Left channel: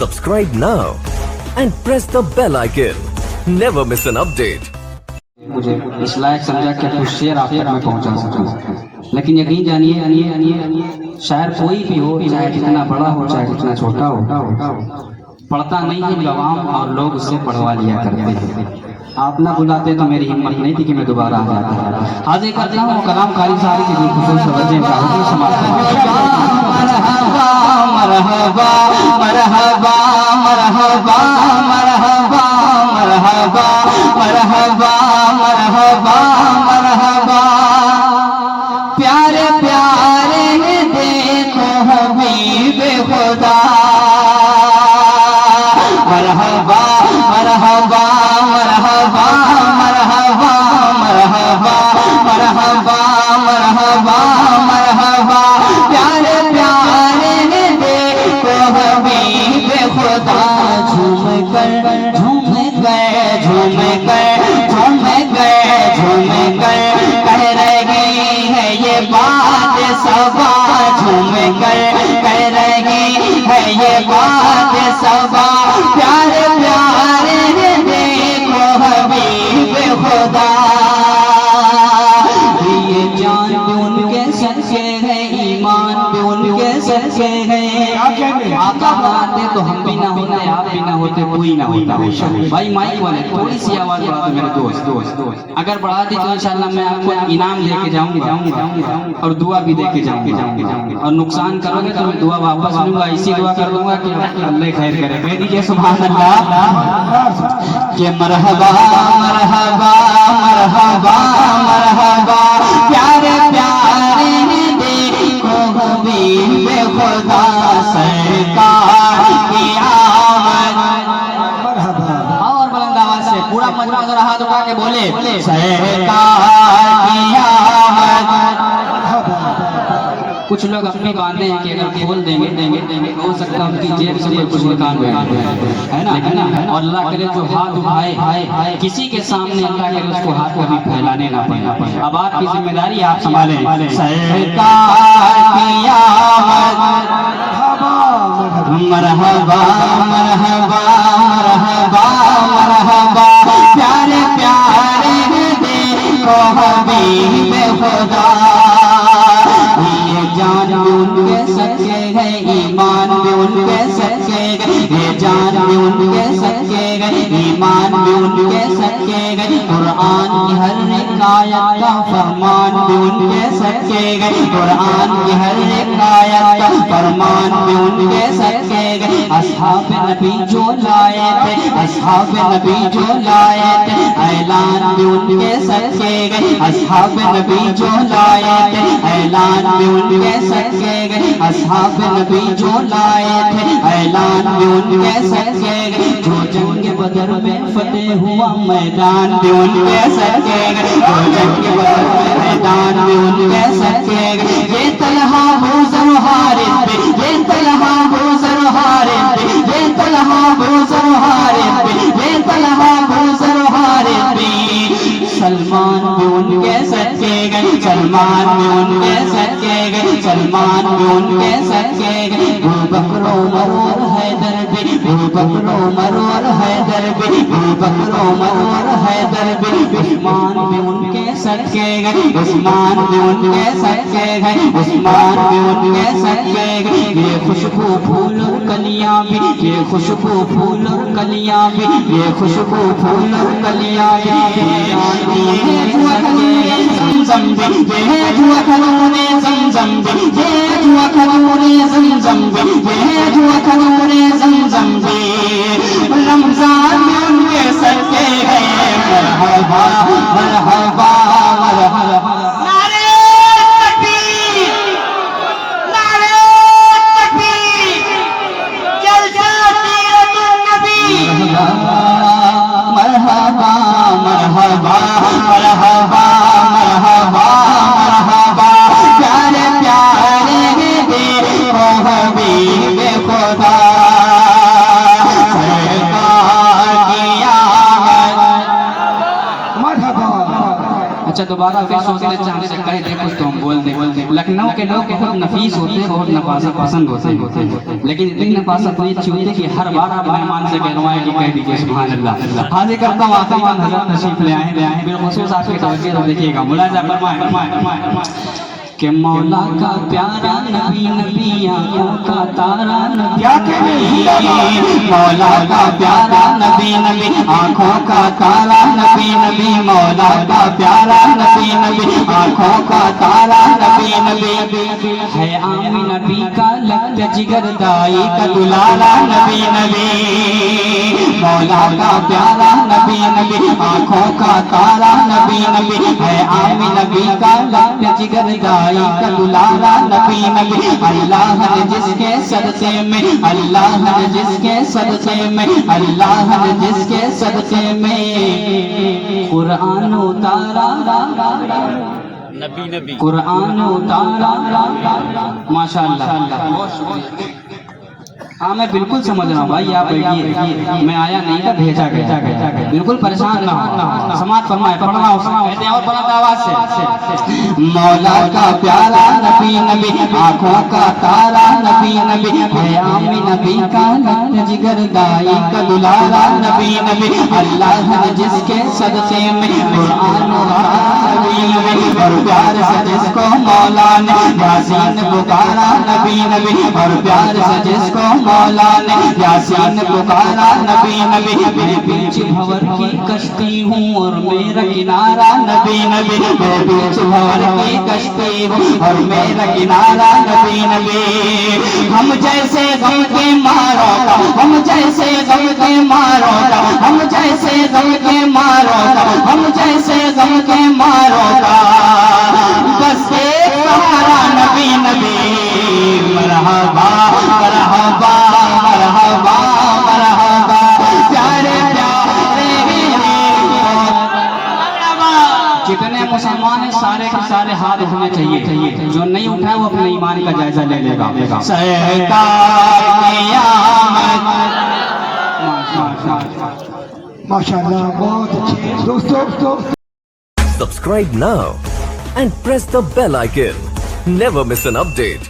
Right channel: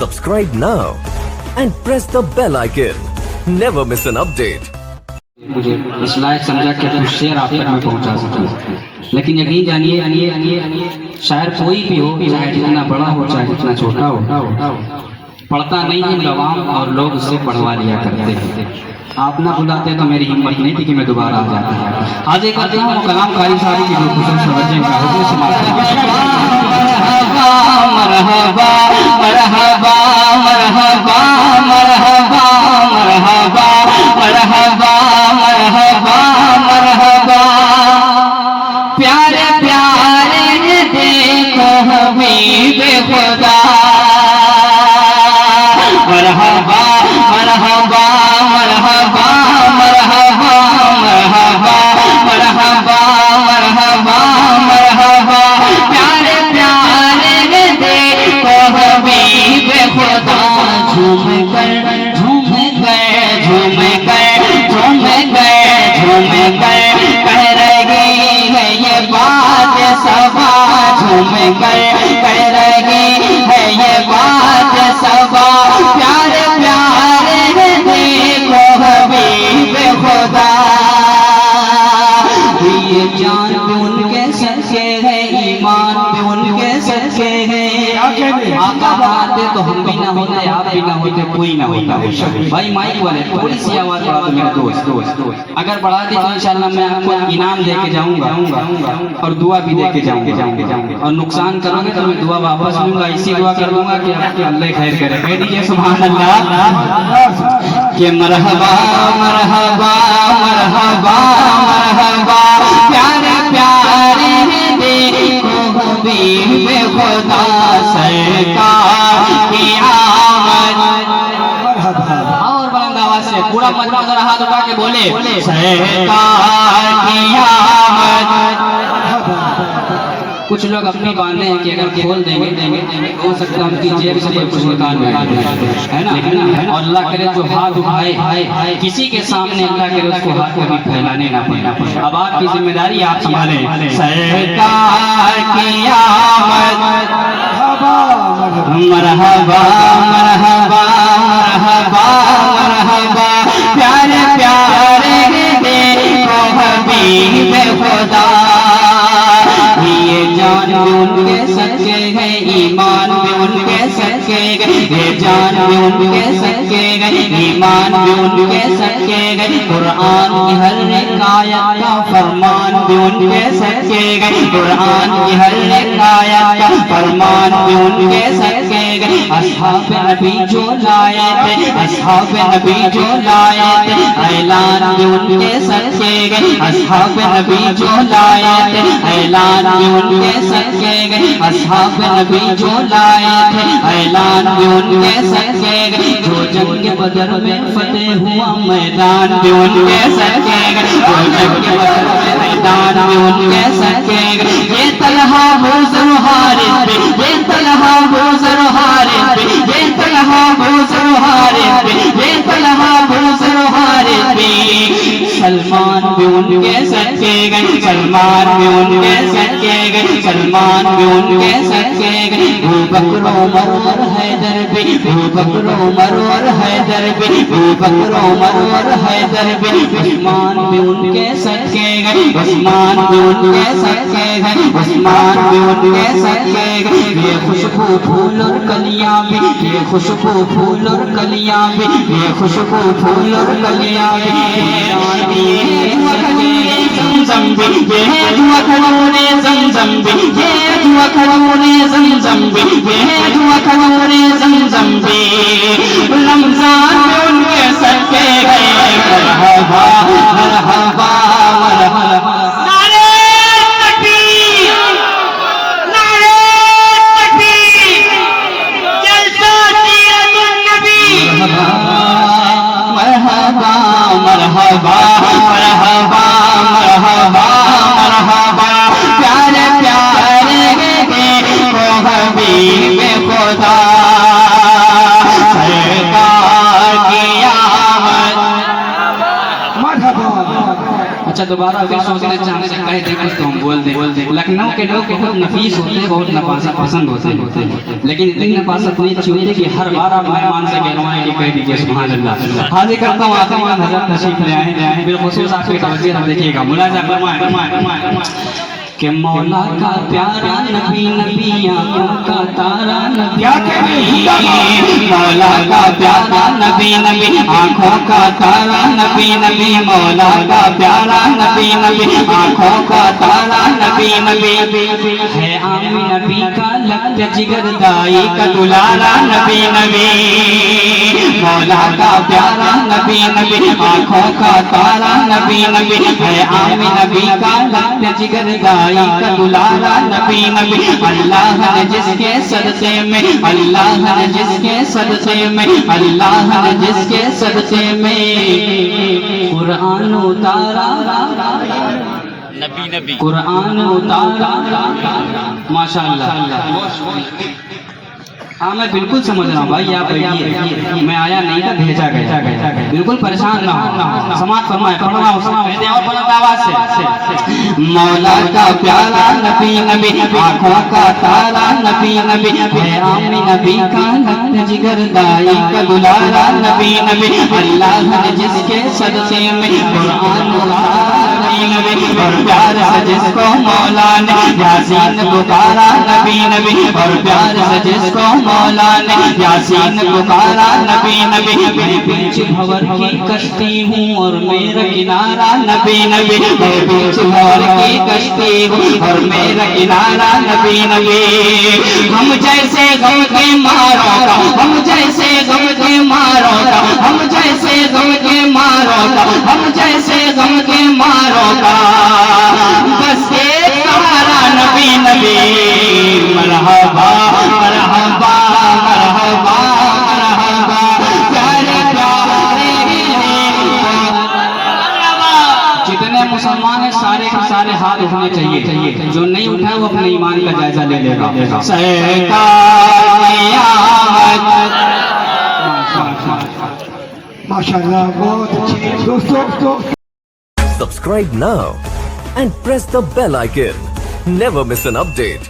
Subscribe now and press the bell icon. Never miss an update. मुझे इस लायक समझा कि कुछ शेर आप तक मैं पहुंचा सकूं, लेकिन यकीन जानिए शायर कोई भी हो, चाहे जितना बड़ा हो चाहे जितना छोटा हो, पढ़ता नहीं है लवाम और लोग उससे पढ़वा लिया करते थे। आप ना बुलाते तो मेरी हिम्मत नहीं थी कि मैं दोबारा आ जाता। आज एक करते हैं कलाम कारी सारी की जो खुशूस समझें का हुक्म समाप्त। मरहबा मरहबा मरहबा मरहबा मरहबा मरहबा मरहबा मरहबा प्यारे प्यारे देखो हबीब खुदा मरहबा मरहबा मरहबा मरहबा मरहबा मरहबा मरहबा मरहबा प्यारे प्यारे देखो हबीब खुदा झूम गए झूम गए झूम गए झूम गए झूम गए कह रही है ये बात सबा झूम गए कह रही है ये बात सबा प्यारे प्यारे देखो हबीब खुदा ये जान पे उनके सच्चे है ईमान पे उनके सच्चे है आका बात तो हम भी ना होते आप भी ना होते कोई ना होता। भाई माइक वाले थोड़ी सी आवाज बढ़ा दो मेरे दोस्त, अगर बढ़ा दी तो इंशाल्लाह मैं आपको इनाम दे के जाऊंगा और दुआ भी दे के जाऊंगा और नुकसान करोगे तो मैं दुआ वापस लूंगा। इसी दुआ कर दूंगा कि आपके अल्लाह खैर करे। कह दीजिए सुभान अल्लाह के मरहबा मरहबा मरहबा मरहबा प्यारे प्यारे देखो हबीब खुदा सरकार की आमद। और बुलंद आवाज से पूरा मजमा जरा हाथ उठा के बोले सरकार की आमद। कुछ लोग अपनी बांधे हैं कि अगर खोल देंगे हो सकता है उनकी जेब से कुछ निकाल है ना। और अल्लाह करे जो हाथ उठाए किसी के सामने अल्लाह करे उसको हाथ कभी फैलाने ना पड़े। अब आपकी जिम्मेदारी आप संभालें। सरकार की आमद मरहबा मरहबा मरहबा मरहबा प्यारे प्यारे देखो हबीब खुदा जान भी उनके सच्चे है ईमान भी उनके सच्चे गए जान भी उनके सच्चे गए ईमान भी उनके सच्चे गए कुरान की हर एक आयत का फरमान भी उनके सच्चे गए कुरान की हर एक आयत का फरमान भी उनके सच्चे गए असहाब नबी जो लाए थे असहाब नबी जो लाए थे ऐलान भी उनके सच्चे गए असहाब नबी जो लाए थे ऐलान भी उनके सच्चे गए असहाब नबी जो लाए थे ऐलान भी उनके सच्चे गए जो जंग बदर में फतेह हुआ मैदान भी उनके सच्चे गए जो जंग बदर में मैदान भी उनके सच्चे गए ये तलहा गुजर हारिस पे ये तलहा गुजर हारिस पे ये तलहा गुजर हारिस पे ये तलहा गुजर हारिस पे सलमान भी उनके सच्चे गए सलमान भी उनके सच्चे गए सलमान भी उनके सच्चे गए अबू बकर उमर और हैदर भी अबू बकर उमर और हैदर भी अबू बकर उमर और हैदर भी उस्मान भी उनके सच्चे गए उस्मान भी उनके सच्चे गए उस्मान भी उनके सच्चे गए ये खुशबू फूल और कलियां भी ये खुशबू फूल और कलियां भी ये खुशबू फूल और कलियां भी ये ज़मज़म भी ये दुआ खड़ूने ज़मज़म भी ये दुआ खड़ूने ज़मज़म भी ये दुआ खड़ूने ज़मज़म भी रमज़ान में उनके सच्चे गए मरहबा मरहबा मरहबा नारे तकबीर नारे तकबीर जलसा सीरतुन नबी मरहबा मरहबा मरहबा मरहबा मरहबा प्यारे प्यारे देखो हबीब खुदा सरकार की आमद मरहबा। अच्छा दोबारा अगर सोचने चाहने से कहीं देखें तो हम बोल दें लखनऊ के लोग बहुत नफीस होते हैं, बहुत नफासा पसंद होते हैं, लेकिन इतनी नफासत नहीं अच्छी होती कि हर बार आप मेहमान से कहलवाएं कि कह दीजिए सुभान अल्लाह। हाजिर करता हूँ आखिरी में हज़रत तशरीफ ले आए, बिलखुसूस आपकी तवज्जो देखिएगा, मुलाजा फरमाएं कि मौला का प्यारा नबी नबी आँखों का तारा नबी, मौला का प्यारा नबी नबी आँखों का तारा नबी नबी, मौला का प्यारा नबी नबी आँखों का तारा नबी नबी है आमी नबी का लग जिगर दाई का दुलारा नबी नबी, मौला का प्यारा नबी नबी आँखों का तारा नबी नबी है आमी नबी का लग जिगर दाई का दुलारा नबी नबी। अल्लाह ने जिसके सदक़े में, अल्लाह ने जिसके सदक़े में, अल्लाह ने जिसके सदक़े में कुरान उतारा नबी नबी, कुरान उतारा माशाअल्लाह। हाँ मैं बिल्कुल समझ रहा हूँ भाई, आप बैठिए, मैं आया नहीं था, भेजा गया, बिल्कुल परेशान ना हो, समाज फरमाए पढ़ना और बुलंद आवाज से। मौला का प्यारा नबी नबी आँखों का तारा नबी नबी है आमी नबी का लग जिगर दाई का दुलारा नबी नबी, अल्लाह ने जिसके सदक़े में कुरान नबी नबी और प्यार से जिसको मौला ने यासीन पुकारा नबी नबी, और प्यार से जिसको मौला ने यासीन पुकारा नबी नबी। मैं बीच भंवर की कश्ती हूँ और मेरा किनारा नबी नबी, मैं बीच भंवर की कश्ती हूँ और मेरा किनारा नबी नबी। हम जैसे गम के मारो, हम जैसे गम के मारो, हम जैसे गम के मारो, हम जैसे गम के मारो बस एक तुम्हारा नबी नबी। मरहबा मरहबा मरहबा मरहबा प्यारे प्यारे। जितने मुसलमान हैं सारे के सारे हाथ उठने चाहिए, जो नहीं उठाए वो अपने ईमान का जायजा ले लेगा। माशाअल्लाह बहुत अच्छे दोस्तों। Subscribe now and press the bell icon. Never miss an update.